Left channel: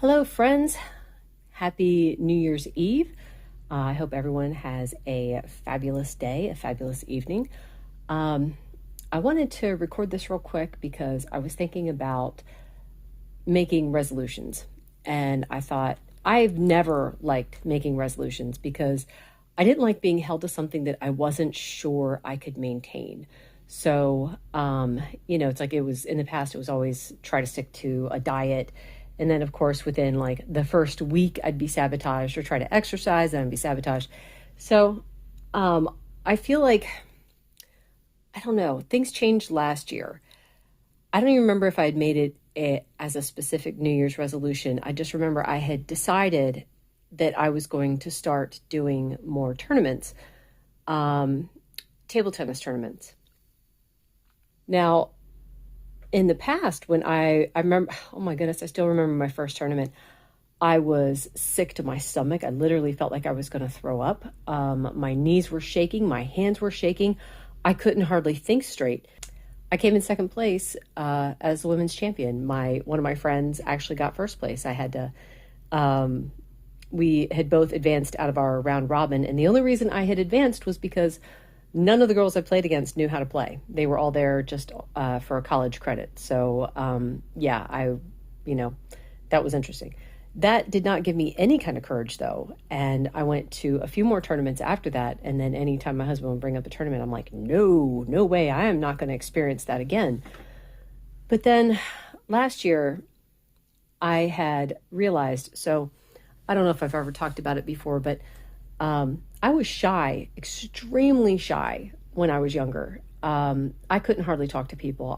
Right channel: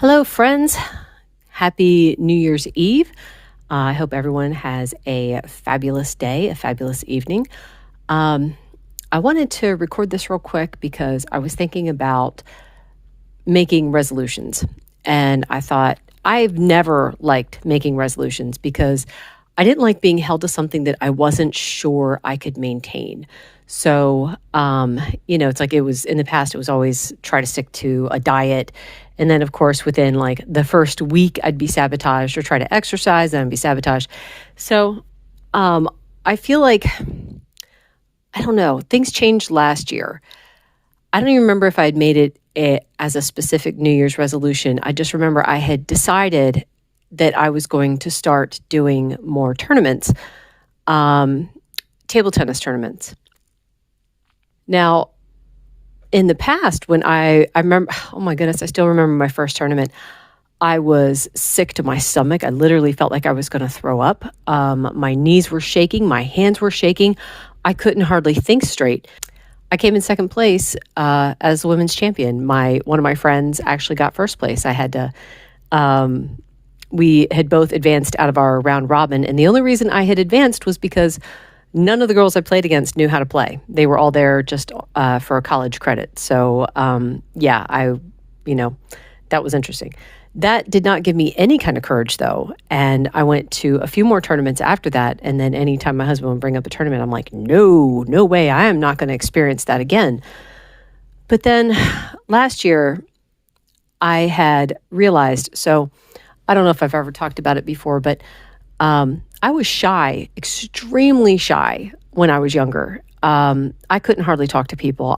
Hello, friends. Happy New Year's Eve. I hope everyone has a fabulous day, a fabulous evening. Um, I wanted to record this real quick because I was thinking about making resolutions. And I thought, I've never liked making resolutions because I didn't like being held to something that I wasn't sure I could maintain. It's like it was in the past, it was always try to stick to a diet. And then, of course, within like the first week, I'd be sabotaged or try to exercise and I'd be sabotaged. So um, I feel like, I don't know, things changed last year. I don't even remember if I had made it as a specific New Year's resolution. I just remember I had decided that I was going to start doing more tournaments, um, table tennis tournaments. Now, in the past, when I remember, oh my goodness, I still remember my first tournament. I was sick to my stomach. I literally felt like I was going to throw up. My knees were shaking, my hands were shaking. I couldn't hardly think straight. I came in second place as the women's champion. One of my friends actually got first place. We had both advanced out of our round robin, and the only reason I had advanced was because none of the girls I played against knew how to play. They were all there just for a college credit. So that was interesting. That did not give me any kind of courage, though. And I went to a few more tournaments after that. And then anytime my husband would bring up a tournament, I'm like, no way. I am not going to experience that again. But then last year, I had realized, so I don't know if I've ever talked about it before, but I was shy, extremely shy when I was younger. I couldn't hardly talk to people.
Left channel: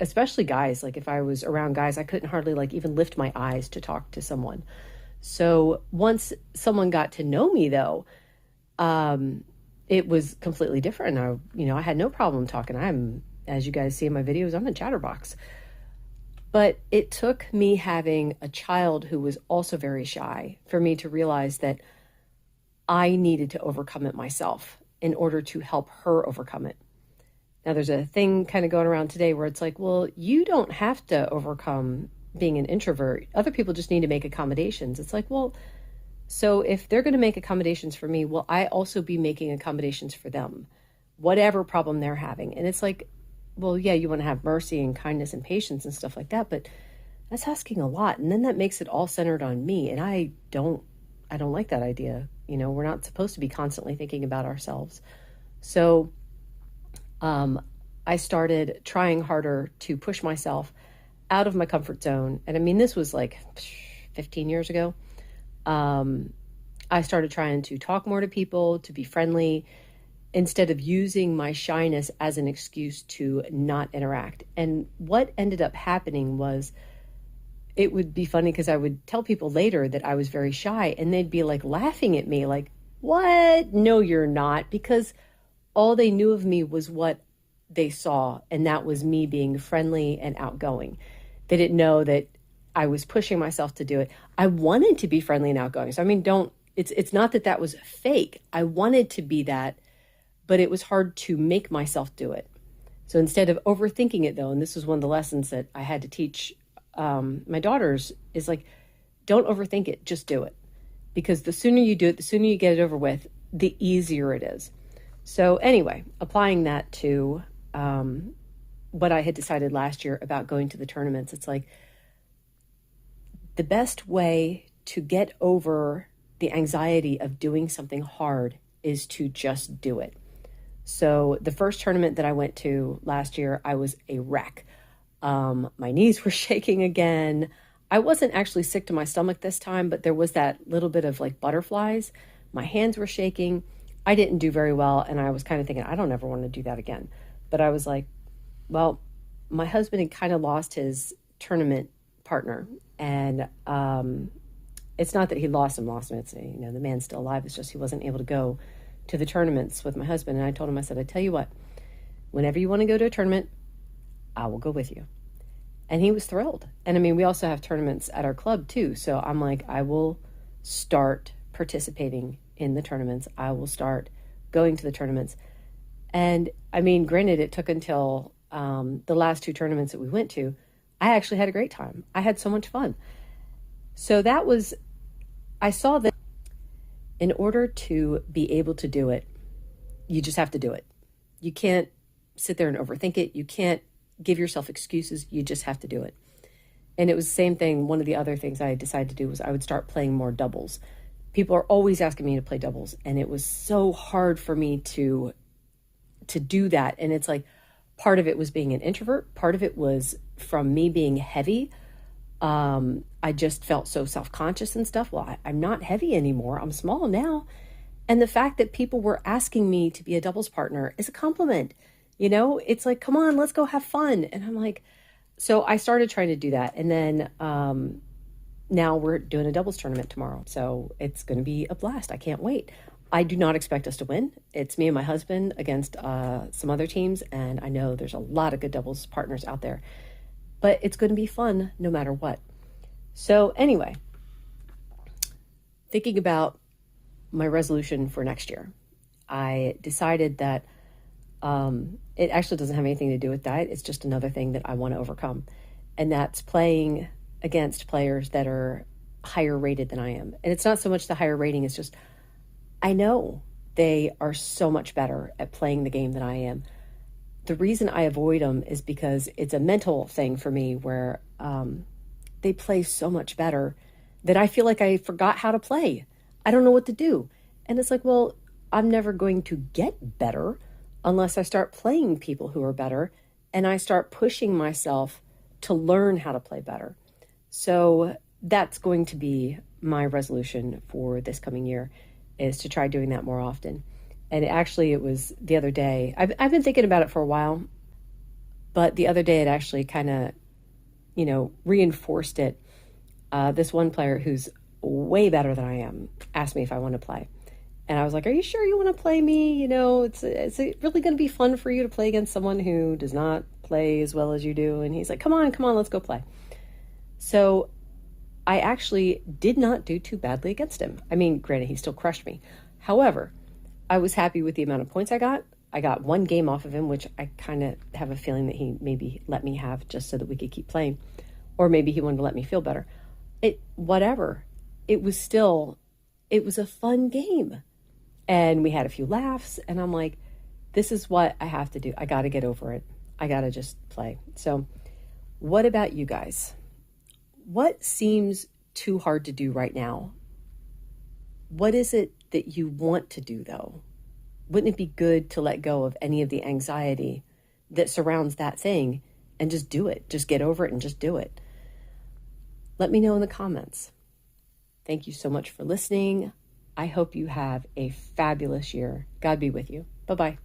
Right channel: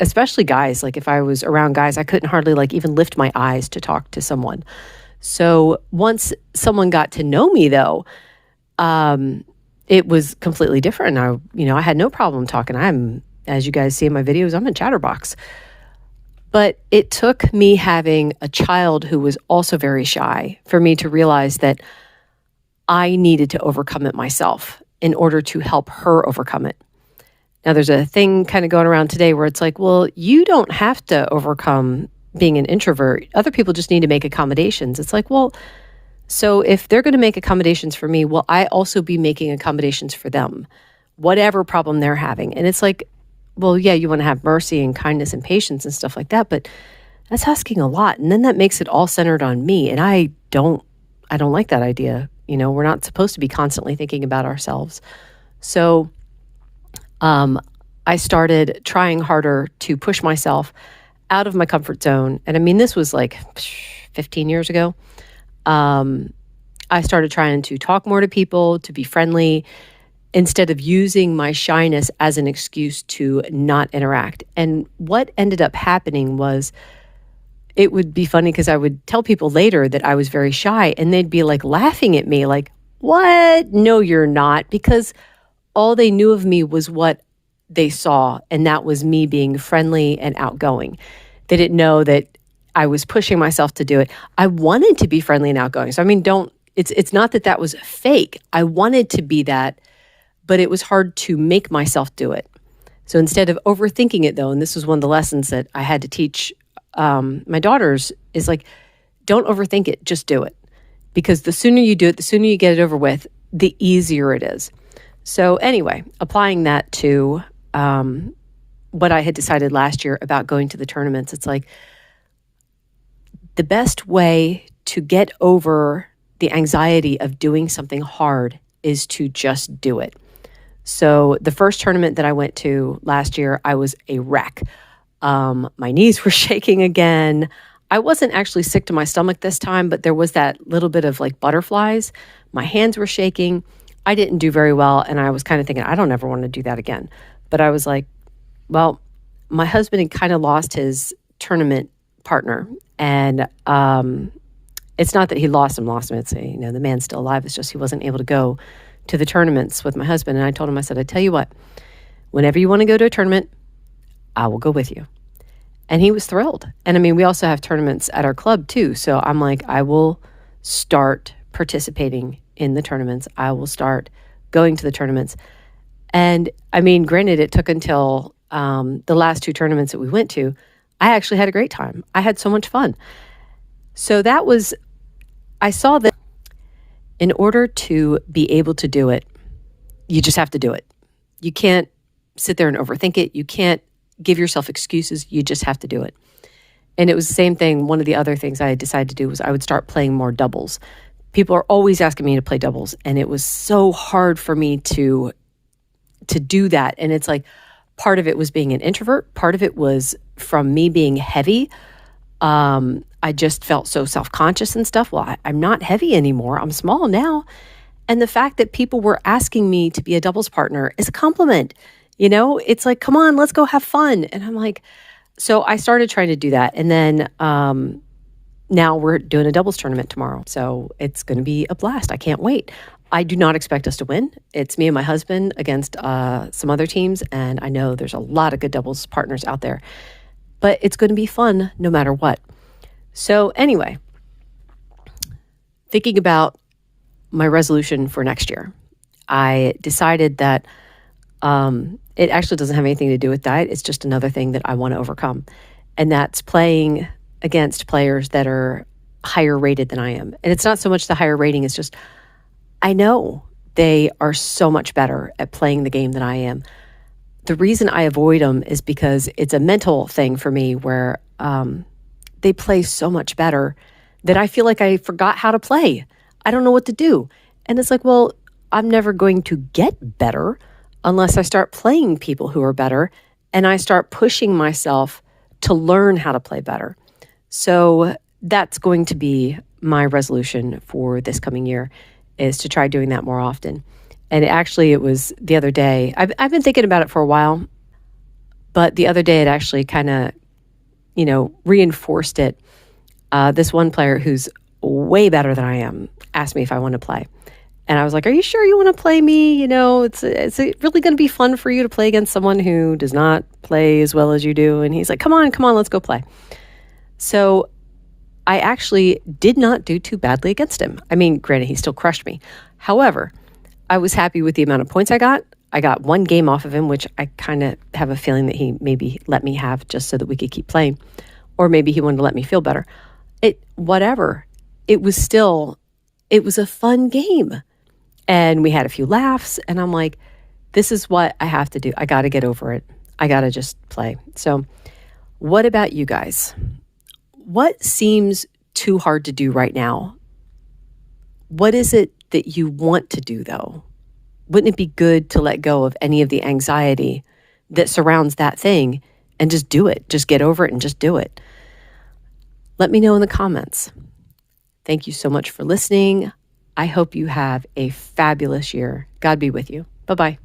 Especially guys, like if I was around guys, I couldn't hardly like even lift my eyes to talk to someone. So once someone got to know me though, it was completely different. I had no problem talking. As you guys see in my videos, I'm a chatterbox. But it took me having a child who was also very shy for me to realize that I needed to overcome it myself in order to help her overcome it. Now, there's a thing kind of going around today where it's like, well, you don't have to overcome being an introvert. Other people just need to make accommodations. It's like, well, so if they're going to make accommodations for me, will I also be making accommodations for them, whatever problem they're having? And it's like, well, yeah, you want to have mercy and kindness and patience and stuff like that, but that's asking a lot. And then that makes it all centered on me. And I don't like that idea. We're not supposed to be constantly thinking about ourselves. So I started trying harder to push myself out of my comfort zone. And I mean, this was like 15 years ago. I started trying to talk more to people, to be friendly, instead of using my shyness as an excuse to not interact. And what ended up happening was, it would be funny because I would tell people later that I was very shy and they'd be like laughing at me like, what? No, you're not. Because all they knew of me was what they saw. And that was me being friendly and outgoing. They didn't know that I was pushing myself to do it. I wanted to be friendly and outgoing. So, I mean, it's not that was fake. I wanted to be that, but it was hard to make myself do it. So instead of overthinking it though, and this was one of the lessons that I had to teach my daughters, is like, don't overthink it, just do it. Because the sooner you do it, the sooner you get it over with, the easier it is. So anyway, applying that to what I had decided last year about going to the tournaments, it's like the best way to get over the anxiety of doing something hard is to just do it. So the first tournament that I went to last year, I was a wreck. My knees were shaking again. I wasn't actually sick to my stomach this time, but there was that little bit of like butterflies. My hands were shaking. I didn't do very well. And I was kind of thinking, I don't ever want to do that again. But I was like, well, my husband had kind of lost his tournament partner. And it's not that he lost him. It's, the man's still alive. It's just he wasn't able to go to the tournaments with my husband. And I told him, I said, I tell you what, whenever you want to go to a tournament, I will go with you. And he was thrilled. And I mean, we also have tournaments at our club too. So I'm like, I will start participating in the tournaments. I will start going to the tournaments. And I mean, granted, it took until the last two tournaments that we went to. I actually had a great time. I had so much fun. So I saw that in order to be able to do it, you just have to do it. You can't sit there and overthink it. You can't give yourself excuses. You just have to do it. And it was the same thing. One of the other things I decided to do was I would start playing more doubles. People are always asking me to play doubles, and it was so hard for me to do that. And it's like part of it was being an introvert. Part of it was from me being heavy. I just felt so self-conscious and stuff. Well, I'm not heavy anymore. I'm small now. And the fact that people were asking me to be a doubles partner is a compliment. It's like, come on, let's go have fun. And I'm like, so I started trying to do that. And then now we're doing a doubles tournament tomorrow. So it's going to be a blast. I can't wait. I do not expect us to win. It's me and my husband against some other teams. And I know there's a lot of good doubles partners out there. But it's going to be fun no matter what. So anyway, thinking about my resolution for next year, I decided that it actually doesn't have anything to do with diet. It's just another thing that I want to overcome. And that's playing against players that are higher rated than I am. And it's not so much the higher rating, it's just I know they are so much better at playing the game than I am. The reason I avoid them is because it's a mental thing for me where they play so much better that I feel like I forgot how to play. I don't know what to do. And it's like, well, I'm never going to get better unless I start playing people who are better and I start pushing myself to learn how to play better. So that's going to be my resolution for this coming year, is to try doing that more often. And actually, it was the other day. I've been thinking about it for a while, but the other day it actually kind of, reinforced it. This one player who's way better than I am asked me if I want to play. And I was like, are you sure you want to play me? It's really going to be fun for you to play against someone who does not play as well as you do. And he's like, come on, let's go play. So I actually did not do too badly against him. I mean, granted, he still crushed me. However, I was happy with the amount of points I got. I got one game off of him, which I kind of have a feeling that he maybe let me have just so that we could keep playing. Or maybe he wanted to let me feel better. Whatever. It was a fun game. And we had a few laughs. And I'm like, this is what I have to do. I got to get over it. I got to just play. So what about you guys? What seems too hard to do right now? What is it that you want to do, though? Wouldn't it be good to let go of any of the anxiety that surrounds that thing and just do it? Just get over it and just do it. Let me know in the comments. Thank you so much for listening. I hope you have a fabulous year. God be with you. Bye-bye.